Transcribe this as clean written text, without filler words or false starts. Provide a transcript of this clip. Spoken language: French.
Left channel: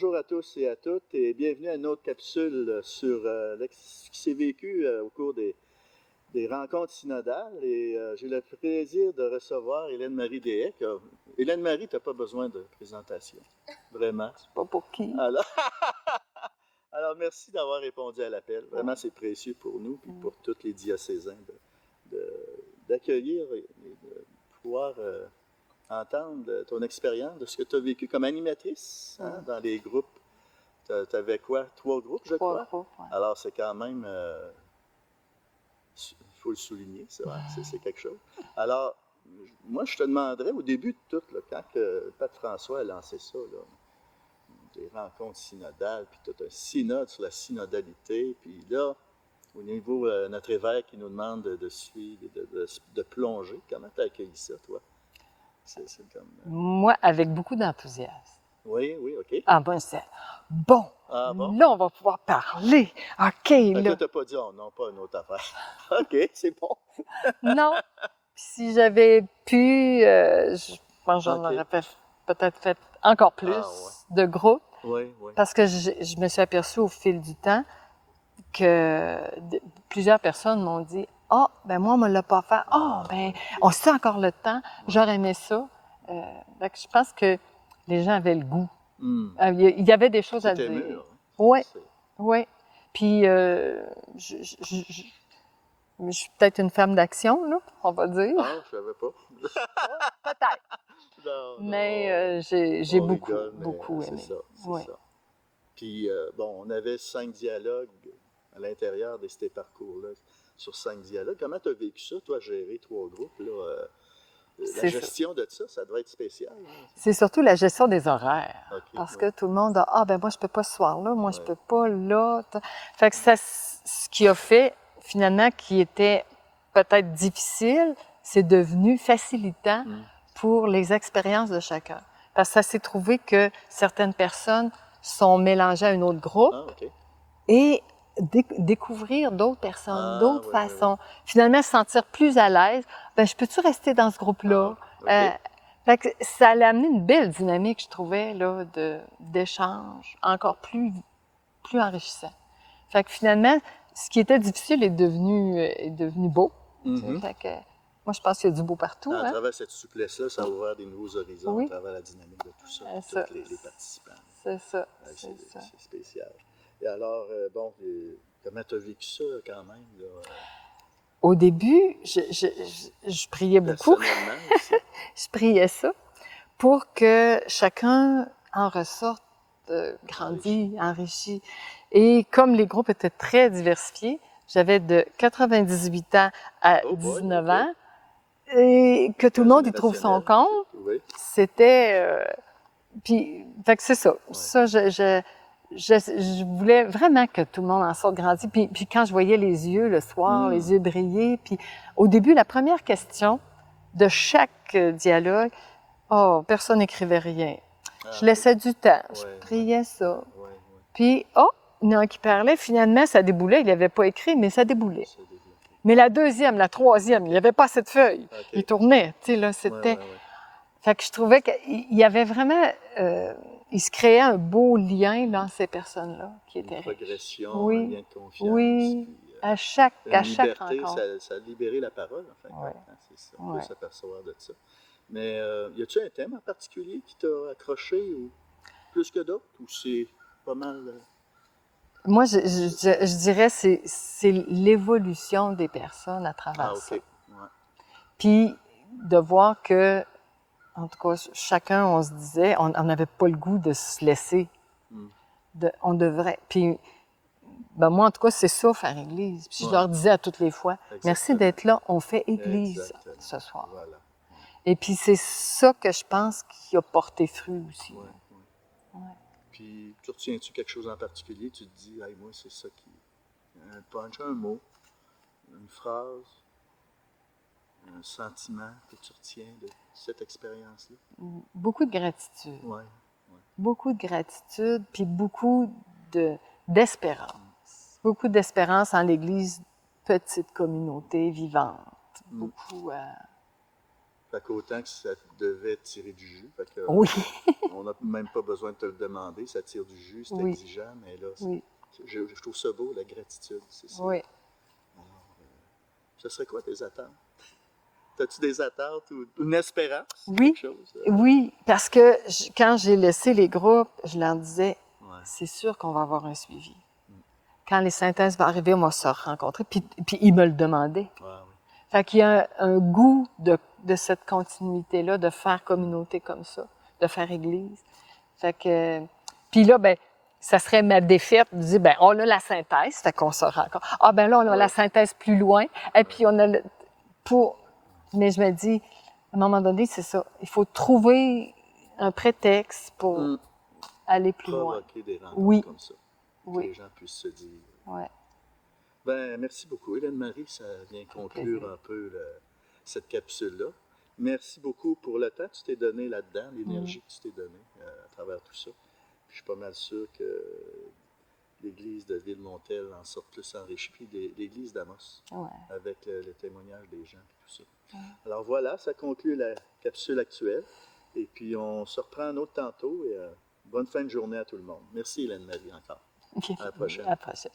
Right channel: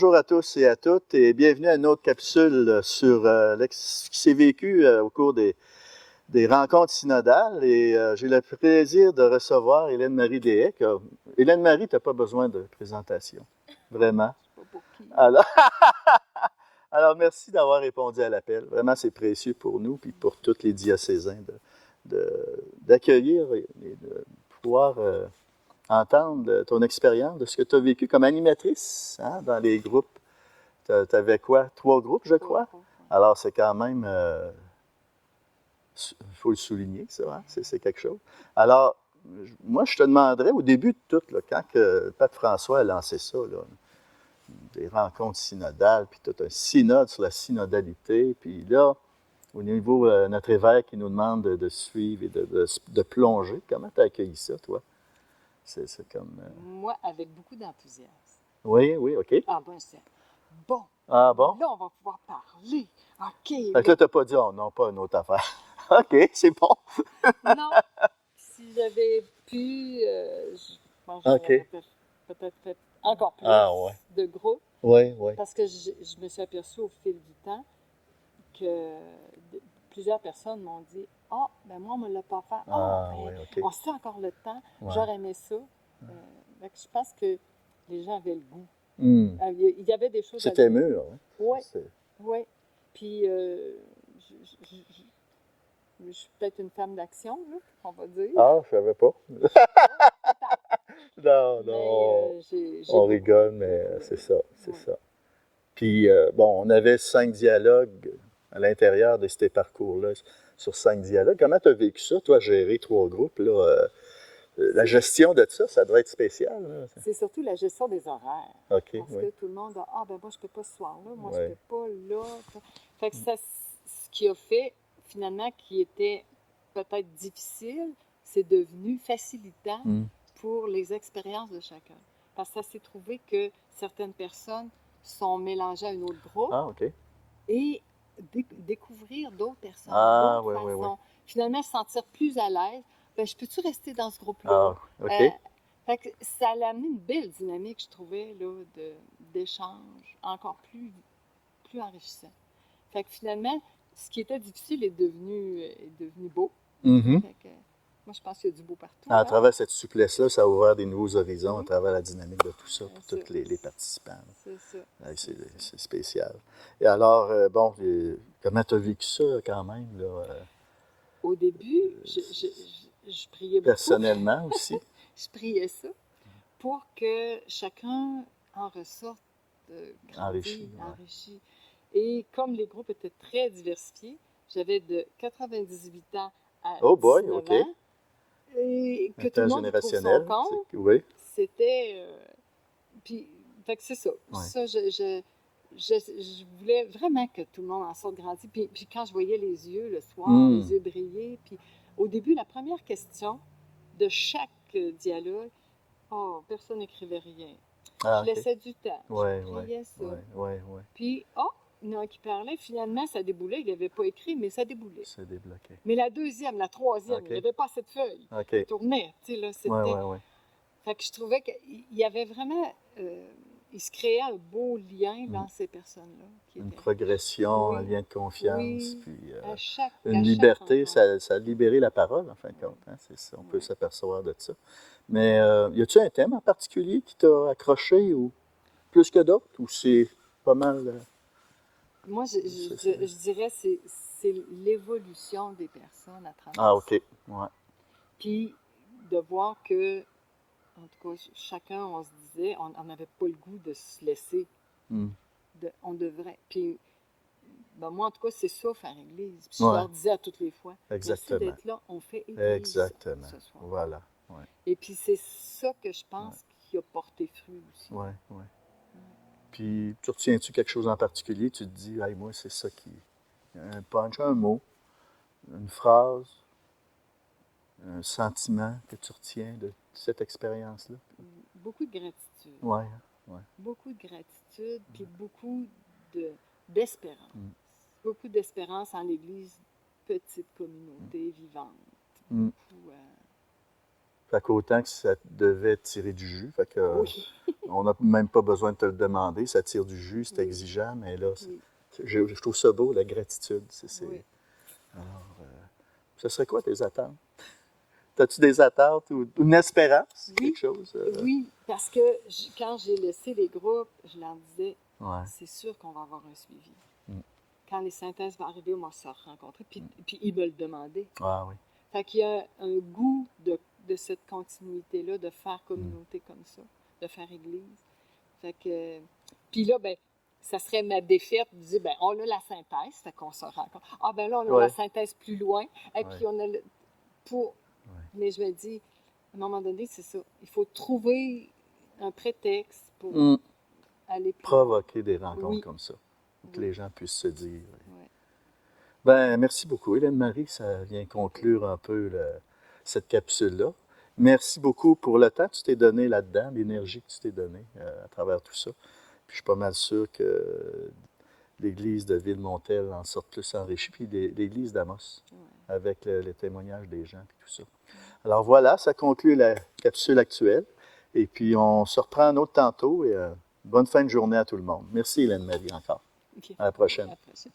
bonjour à tous et à toutes et bienvenue à une autre capsule sur ce qui s'est vécu au cours des rencontres synodales. Et j'ai le plaisir de recevoir Hélène-Marie Deshaies. Hélène-Marie, tu n'as pas besoin de présentation, vraiment. Je sais pas pour qui. Alors merci d'avoir répondu à l'appel. Vraiment, c'est précieux pour nous et pour tous les diocésains d'accueillir et de pouvoir entendre ton expérience de ce que tu as vécu comme animatrice dans les groupes. Tu avais quoi? 3 groupes, je crois? 3 groupes, ouais. Alors, c'est quand même... il faut le souligner, ça. Hein? C'est quelque chose. Alors, moi, je te demanderais, au début de tout, là, quand que Pape François a lancé ça, là, des rencontres synodales, puis tout un synode sur la synodalité, puis là, au niveau de notre évêque qui nous demande de suivre et de plonger, comment tu as accueilli ça, toi? C'est comme... Moi, avec beaucoup d'enthousiasme. Oui, OK. Ah ben, c'est bon. Ah bon? Là, on va pouvoir parler. OK, Fait que là. là, t'as pas dit, oh non, pas une autre affaire. OK, c'est bon. Non. Si j'avais pu, je pense que j'en aurais peut-être fait encore plus de groupes. Oui. Parce que je me suis aperçue au fil du temps que plusieurs personnes m'ont dit « Ah, ben moi, on ne me l'a pas fait. On sait encore le temps. J'aurais aimé ça. Donc, je pense que les gens avaient le goût. Il y avait des choses à dire. C'était mûr. Oui, oui. Puis, je suis peut-être une femme d'action, là, on va dire. Ah, je savais pas. Peut-être. Non. Mais j'ai beaucoup, rigole, mais beaucoup c'est aimé. ça. Puis, bon, on avait 5 dialogues à l'intérieur de ces parcours-là, sur 5 dialogues. Comment tu as vécu ça, toi, gérer 3 groupes, là? La gestion de ça doit être spécial. Hein? C'est surtout la gestion des horaires. Okay, parce que tout le monde a « Ah, ben moi, je peux pas ce soir-là, moi, je peux pas là. » Fait que ça, ce qui a fait, finalement, qui était peut-être difficile, c'est devenu facilitant pour les expériences de chacun. Parce que ça s'est trouvé que certaines personnes sont mélangées à un autre groupe et découvrir d'autres personnes, d'autres façons. Finalement, se sentir plus à l'aise. Ben, je peux-tu rester dans ce groupe-là? Fait que ça allait amener une belle dynamique, je trouvais, là, d'échange encore plus enrichissant. Fait que finalement, ce qui était difficile est devenu beau. Fait que, moi, je pense qu'il y a du beau partout. À travers cette souplesse-là, ça a ouvert des nouveaux horizons à travers la dynamique de tout ça, tous les participants. C'est ça. C'est spécial. Et alors, comment tu as vécu ça quand même? Là, Au début, je priais beaucoup. Personnellement aussi. Je priais ça pour que chacun en ressorte grandi, enrichi. Et comme les groupes étaient très diversifiés, j'avais de 98 ans à 19 ans, et que tout le monde y trouve son compte. C'était... puis, fait que c'est ça. Ça, je voulais vraiment que tout le monde en sorte grandi. Puis quand je voyais les yeux le soir, les yeux briller, puis au début, la première question de chaque dialogue, personne n'écrivait rien. Je laissais du temps, je priais ça. Puis, il y en a un qui parlait, finalement, ça déboulait. Il n'avait pas écrit, mais ça déboulait. Mais la deuxième, la troisième, il n'y avait pas assez de feuilles. Il tournait, tu sais, là, c'était... Fait que je trouvais qu'il y avait vraiment... il se créait un beau lien dans ces personnes-là. Une progression, un lien de confiance. Oui, puis, à chaque liberté, rencontre. ça a libéré la parole, en fin de compte. Hein, c'est ça, on peut s'apercevoir de ça. Mais y a-t-il un thème en particulier qui t'a accroché ou plus que d'autres, ou c'est pas mal... Moi, je dirais que c'est l'évolution des personnes à travers ça. Puis de voir que, en tout cas, chacun, on se disait, on n'avait pas le goût de se laisser. On devrait. Puis, ben moi, en tout cas, c'est ça, faire Église. Puis je leur disais à toutes les fois, merci d'être là, on fait Église ce soir. Voilà. Et puis c'est ça que je pense qui a porté fruit aussi. Puis, tu retiens-tu quelque chose en particulier? Tu te dis, hey, moi, c'est ça qui... Un punch, un mot, une phrase, un sentiment que tu retiens de cette expérience-là? Beaucoup de gratitude. Beaucoup de gratitude, puis beaucoup d'espérance. Beaucoup d'espérance en l'Église, petite communauté vivante. Beaucoup... Fait qu'autant que ça devait tirer du jus. Fait que, Oui, on n'a même pas besoin de te le demander. Ça tire du jus, c'est oui, exigeant, mais là, oui, je trouve ça beau, la gratitude. oui. Ce serait quoi tes attentes? As-tu des attentes ou une espérance? Oui, Quelque chose? oui, parce que quand j'ai laissé les groupes, je leur disais, Ouais. c'est sûr qu'on va avoir un suivi. Mm. Quand les synthèses vont arriver, on va se rencontrer. Puis ils me le demandaient. Ah oui. Fait qu'il y a un goût de cette continuité-là, de faire communauté comme ça, de faire église. Fait que... Puis là, ben ça serait ma défaite de dire, ben on a la synthèse, fait qu'on se rencontre. Ah, ben là, on a la Ouais. synthèse plus loin. Et puis on a le... Pour... Mais je me dis, à un moment donné, c'est ça. Il faut trouver un prétexte pour Mm. aller plus loin. Provoquer des rencontres Oui. comme ça. Que Oui. les gens puissent se dire. Ouais. Ben, merci beaucoup, Hélène-Marie. Ça vient conclure un peu cette capsule-là. Merci beaucoup pour le temps que tu t'es donné là-dedans, l'énergie que tu t'es donnée à travers tout ça. Puis je suis pas mal sûr que l'Église de Ville-Montel en sort plus enrichie, puis l'Église d'Amos, Ouais. avec les témoignages des gens et tout ça. Alors voilà, ça conclut la capsule actuelle. Et puis on se reprend un autre tantôt et bonne fin de journée à tout le monde. Merci Hélène-Marie encore. À la prochaine. À la prochaine.